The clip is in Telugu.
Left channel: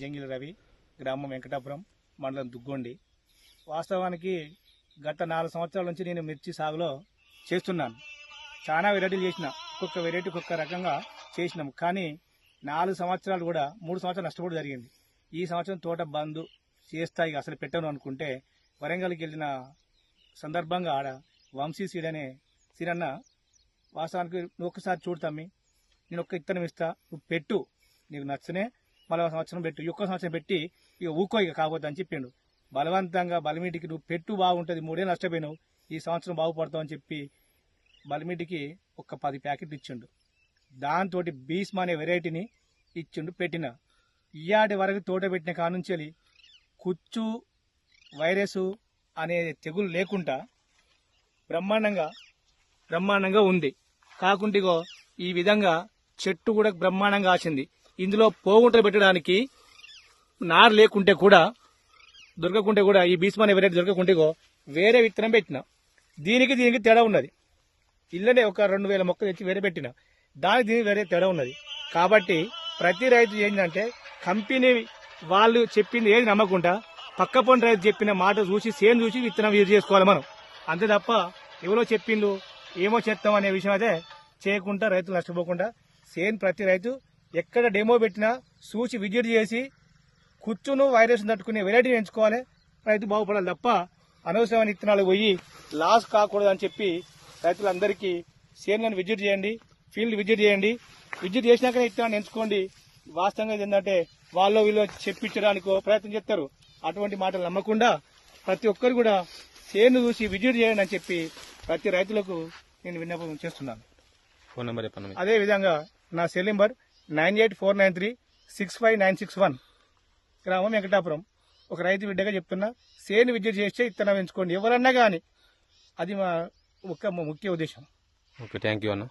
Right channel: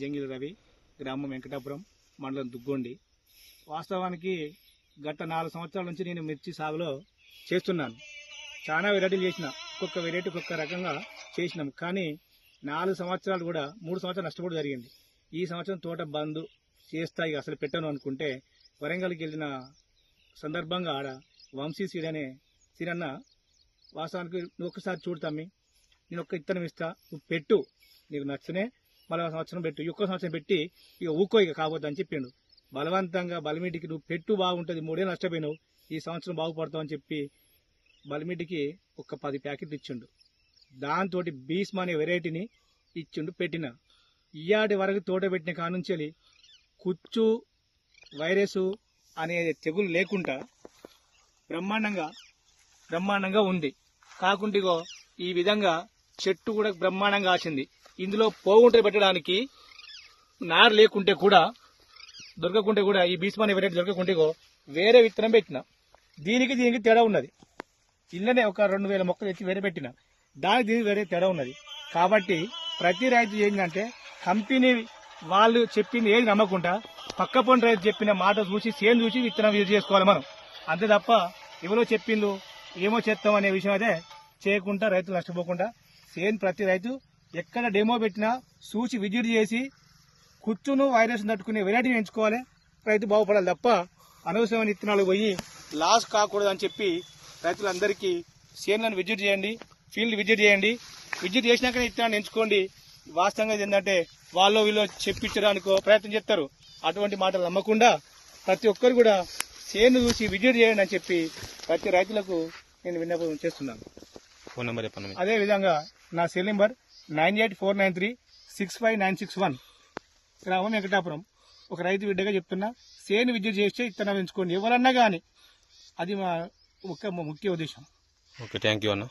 జంగిలి రవి, గ్రామం వెంకటాపురం, మండలం దుగ్గొండి. వాస్తవానికి గత 4 సంవత్సరాల నుంచి నేను మిర్చి సాగులో చేస్తున్నాను. చాలా వెరైటీలు చేసిన, ఒక్కొక్క వెరైటీ ఒక్కొక్క రకంగా చేసినాం. కానీ 4 సంవత్సరాలు కూడా 3 సంవత్సరాలు నష్టపోవడం జరిగింది. ఈ సంవత్సరం తోట బంద్ చేస్తాయి అసలు పెట్టను అనుకుంటే వరంగల్కి వెళ్ళిన సందర్భంగా ఆడ వంశీ సీడ్ అనే సీరన్న వాస్తవానికి నువ్వు ఒక్కసారి చూడతామి, నేను ఒక్క ఇత్తనం ఇస్తా, నువ్వు పెట్టు, నీకు నచ్చనే మళ్ళీ సంవత్సరం పెట్టు, ఒక్క సంవత్సరం పెట్టి ఇక ఊకో ఇక కాబోద్దు అని చెప్పిండు. బలవంతంగా బలిమీటికి నువ్వు పెట్టు బాగుంటుంది, 3 ఏళ్ళు నష్టపోయినావు, ఈ సంవత్సరం బాగుపడతావు అని చెప్పి బలిమీటికి ఒక 10 ప్యాకెట్లు ఇచ్చిండు. దాంతో బీస్మా అనే వెరైటీని ఇచ్చిండు. పెట్టిన ఇయాటి వరకు తోట పెట్టిన కానుంచి కుచ్చు వైరస్ అనే తెగులు లేకుండా బ్రహ్మాండంగా ఉంది. కాకుంటే ఈ విధంగా చెట్టు కూడా బ్రహ్మాండంగా ఆసింది. ఇందులో పోగుంటలు పెట్టడానికి నారు లేకుంటే కూడా దొరకకుంటే కూడా ఈ బీస్మా అనే వెరైటీ దొరకకుంటే వేరే విత్తనం పెట్టిన. దీనికి తేడా ఉన్నది. ఇళ్ళనే ఒక 2000 మొక్కలు తెచ్చి వేరే పెట్టిన, దీనికి వేరే తేడా ఉన్నది. కాబట్టి ప్రతి రైతు ఏంటంటే కంపెనీ వాళ్ళు చెప్పింది ఏది నమ్మకుండా పక్క పొంటి రైతు చెప్పిన మాట చూసి సేమ్ చూసి విత్తనం యూజ్ చేసుకోవాలి మనం. అంతే తప్ప ఎవరో చెప్పిండు ఏమో చేస్తాం అనే విషయం అయితే చేయకుండా రైతులు నష్టపోకుండా సేమ్ ప్రతి రైతు ఎక్కడ డెమో పెట్టినా చూసి విజిట్ చేసి కుచ్చును వైరస్ తట్టుకునే వెరైటీని ఎంచుకోవాలి. రైతు బాగుపడాలి తప్ప అనవసరమైన విత్తనాలు పోయి లాస్ కాకూడదు అని చెప్పి రైతులందరికీ సేన్లను విజిట్ చేయండి, ఫీల్డ్ విజిట్ చేయండి. విజిట్ చేసినాక విత్తనాన్ని ఎంచుకోండి. వాస్తవంగా ఏంటంటే వాళ్ళు వీళ్ళు చెప్పించడానికో ప్రయత్నం చేస్తారు. అటువంటి మాటలు నమ్మకుండా ప్రతి ఒక్కరు కూడా సేను చూసి విజిట్ చేయండి అని చెప్పి ప్రతి రైతులకు నేను విన్నపం చేస్తున్నాను. ఫోన్ నెంబర్ చెప్పండి. అదే విధంగా నా సెల్ నెంబర్ 9849365961. గ్రామం వెంకటాపురం. ఒక రైతు బిడ్డగా చెప్తున్నా, సేను విజిట్ చేస్తే ఇత్తనం ఎంచుకోండి ఎవరన్నా కానీ. అది మా ముఖ్య ఉద్దేశం. ఓకే, థ్యాంక్ యూ అన్న.